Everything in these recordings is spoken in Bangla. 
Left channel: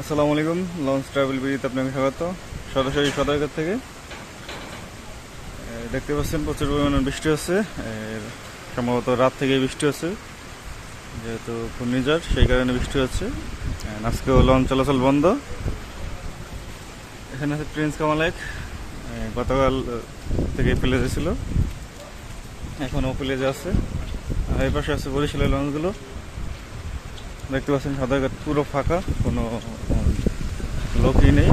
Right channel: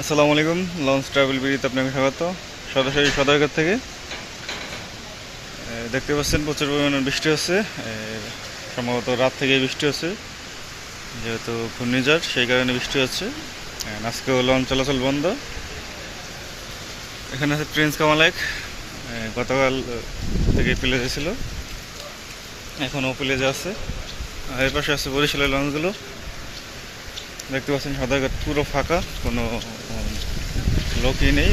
আসসালামু আলাইকুম। লঞ্চ ট্রাভেল বিডিতে আপনাকে স্বাগত। সরাসরি সদরঘাট থেকে দেখতে পাচ্ছেন প্রচুর পরিমাণে বৃষ্টি হচ্ছে। সম্ভবত রাত থেকে বৃষ্টি হচ্ছে, যেহেতু ঘূর্ণিঝড় সেই কারণে বৃষ্টি হচ্ছে। আজকেও লঞ্চ চলাচল বন্ধ। এখানে আছে প্রিন্স কামাল 1, গতকাল থেকে প্লেজে ছিল, এখনও প্লেজে আছে। আর এর পাশে আছে বরিশালের লঞ্চগুলো। দেখতে পাচ্ছেন সদরঘাট পুরো ফাঁকা, কোনো লোকই নেই।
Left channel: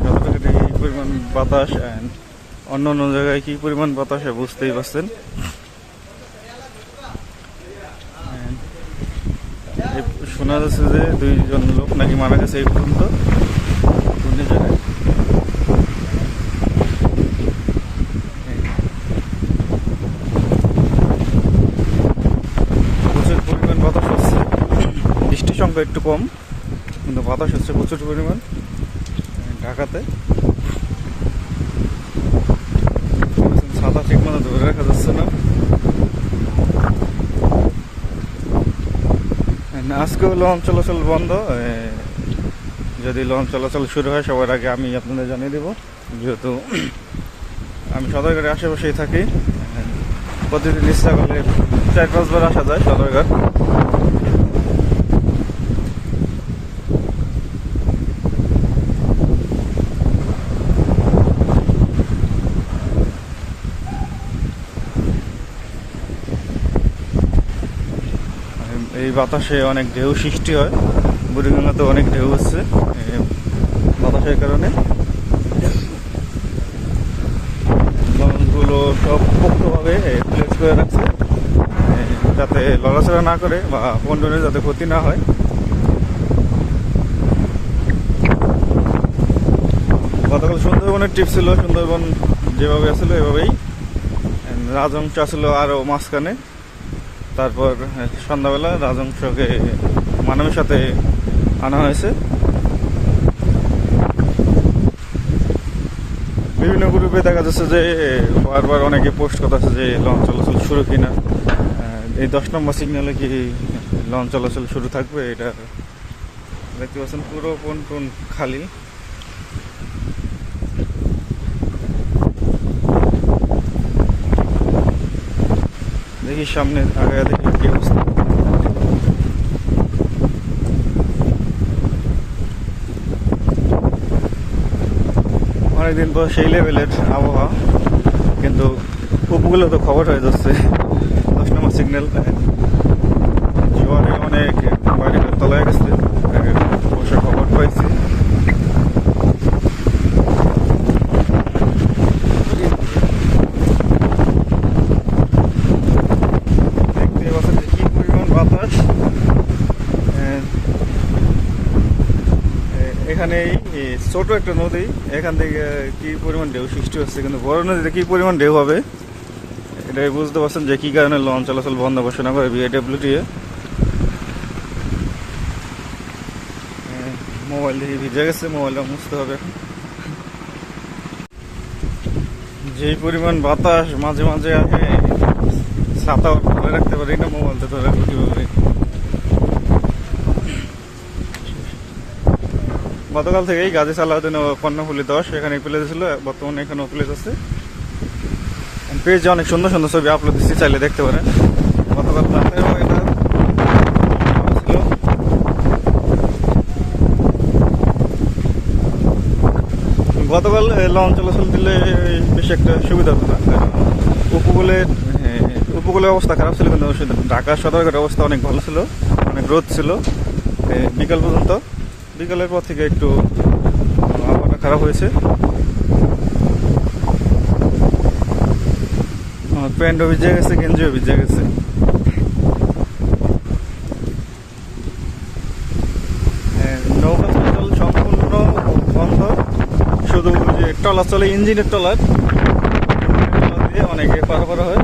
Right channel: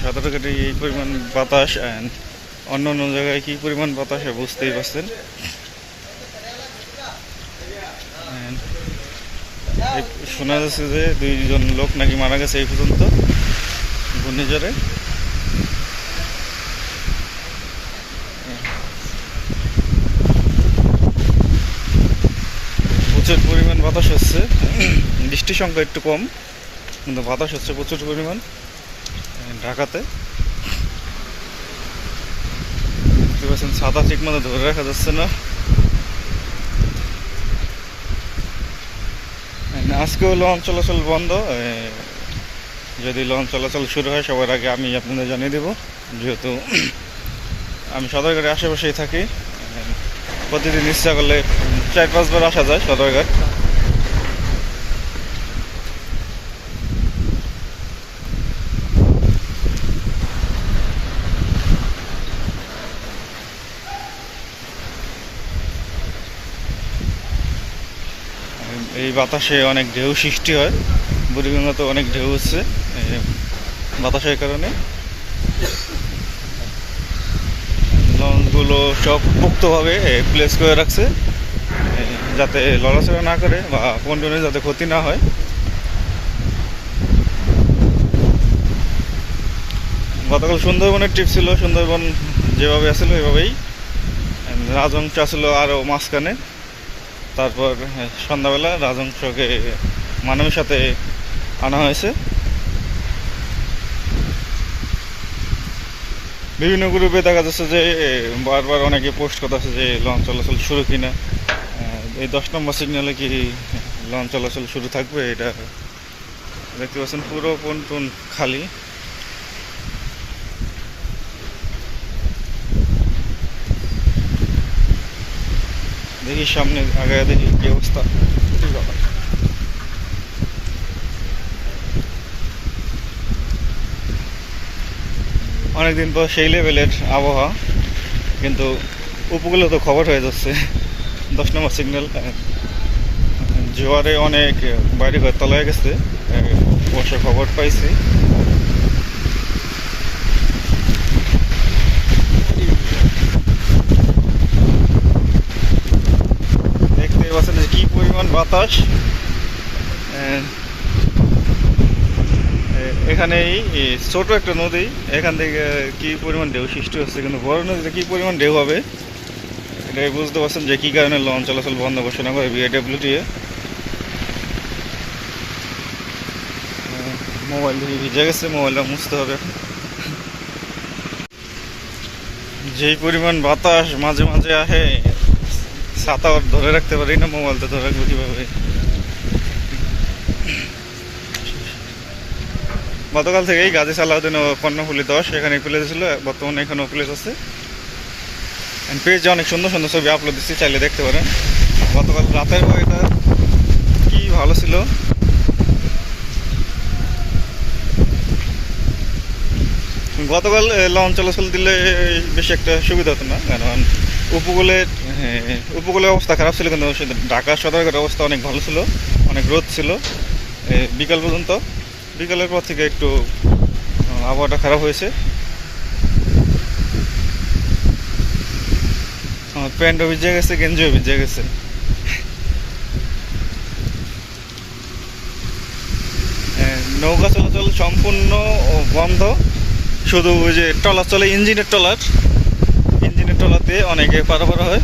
সদরঘাটে এই পরিমাণ বাতাস, অ্যান্ড অন্য অন্য জায়গায় কী পরিমাণ বাতাস বুঝতেই পারছেন। শোনা যাচ্ছে যে 2 জন লোক নাকি মারা গেছে এই পর্যন্ত ঘূর্ণিঝড়ে। প্রচুর পরিমাণ বাতাস হচ্ছে। বৃষ্টির সংখ্যা একটু কম, কিন্তু বাতাস হচ্ছে প্রচুর পরিমাণ ঢাকাতে। ছাতা ঠিক মতো ধরে রাখা যাচ্ছে না। আজকেও লঞ্চ চলাচল বন্ধ। যদি লঞ্চ চলাচল শুরু হয় সবার আগে আমি আপনাদের জানিয়ে দেব, যেহেতু আমি সদরঘাটের আশেপাশেই থাকি। প্রতিদিন ইচ্ছা করলে 4-5 বার আসা যায় সদরঘাট। এই বাতাসে অনেক ঢেউ সৃষ্টি হয়, বুড়িগঙ্গাতে অনেক ঢেউ হচ্ছে বাতাসের কারণে। লঞ্চগুলো সব পোক্তভাবে প্লেস করে রাখছে, যাতে লড়াচড়া না করে বা পন্টনের যাতে ক্ষতি না হয়। গতকাল সুন্দরবনের ট্রিপ ছিল, সুন্দরবন যেভাবে আসছিল এভাবেই। রাজংশ আসলো আরও মাঝখানে। তারপর সন্ধ্যাবেলা রাজংশকে মানবের সাথে আনা হয়েছে। বিভিন্ন গ্রুপে দেখা যাচ্ছে যে বারবার অনেকে পোস্ট করতেছে যে লঞ্চ চলাচল শুরু কিনা, এই 10 নম্বর সিগন্যালে কি লঞ্চ চলাচল শুরু থাকবে। এটা দেখতে পাচ্ছেন পুরো পন্টন খালি। দেখি সামনে আগে দেখি কি অবস্থা। অনেকদিন পর সেই লেভেলের আবহাওয়া, কিন্তু উপকূলে তো খবর হয়ে যাচ্ছে 10 নম্বর সিগন্যাল। জোয়ারে অনেক বাইরে তলায় গেছে, বসে খবর পাইছি। দেখতে পাচ্ছেন যে কি পরিমাণ বাতাস। এখানেই ছোট একটা নদী, এখান থেকে কি পরিমাণ ঢেউ সৃষ্টি হচ্ছে, কিন্তু বড় নদীতে কি পরিমাণ ঢেউ হবে এটাই বুঝতে পারছেন যে কী কারণে লঞ্চ চলাচল বন্ধ ঘোষণা করে বিআইডব্লিউটিএ। মোবাইল থেকে ভিজে গেছে, মোবাইলটা মুছতে হবে এখন। যেই পরিমাণ বাতাস মাঝে মাঝে আসে, ছাতা ধরে রাখতে পারি না, মোবাইলটা ধরে রাখবো কীভাবে। গতকাল থেকেই গাজী সালাউদ্দিন ও কর্ণফুলী 10 এখানে প্লেস ছিল, বর্তমানে এখানেও প্লেস আছে। পেজে অনেক সুন্দর সুন্দর ছবি আপলোড দিচ্ছি, চাইলে দেখতে পারেন। গতকাল রাতের ওয়েদার কি ভালো ছিল। গতকাল লঞ্চ চলাচল দিলে বেশি একটা সুবিধা হতো না, কারণ উপকূলের অবস্থা খারাপ ছিল, কিন্তু ঢাকা সদরঘাটের অবস্থা অনেক ভালো ছিল, অনেক রোদ ছিল বিকাল পর্যন্ত। বিকালের পর থেকে একটু আবহাওয়াটা খারাপ হয়েছে। প্যান্টও ভিজে গেছে, গেঞ্জিও ভিজে গেছে। নৌকা চলাচল সম্পূর্ণ বন্ধ, শুধু ওই যে ট্রলার চলে, ইঞ্জিনের ট্রলার দিয়ে অনেকে পারাপার হয়।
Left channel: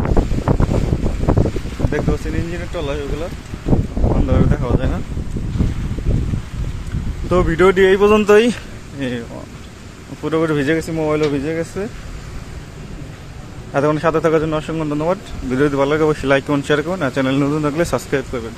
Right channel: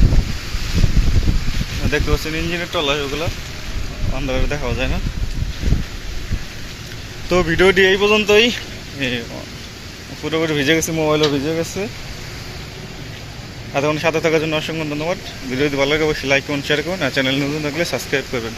দেখতে পাচ্ছেন ইঞ্জিনের ট্রলার, ওগুলো বন্ধ করে দেখাও যায় না। তো ভিডিওটি এই পর্যন্তই। পুরোপুরি ভিজে গেছে, মোবাইলও ভিজে গেছে। এতক্ষণ সাথে থাকার জন্য অসংখ্য ধন্যবাদ। ভিডিও যদি ভালো লাগে অবশ্যই লাইক করুন, শেয়ার করুন, আর চ্যানেল নতুন থাকলে সাবস্ক্রাইব করবেন।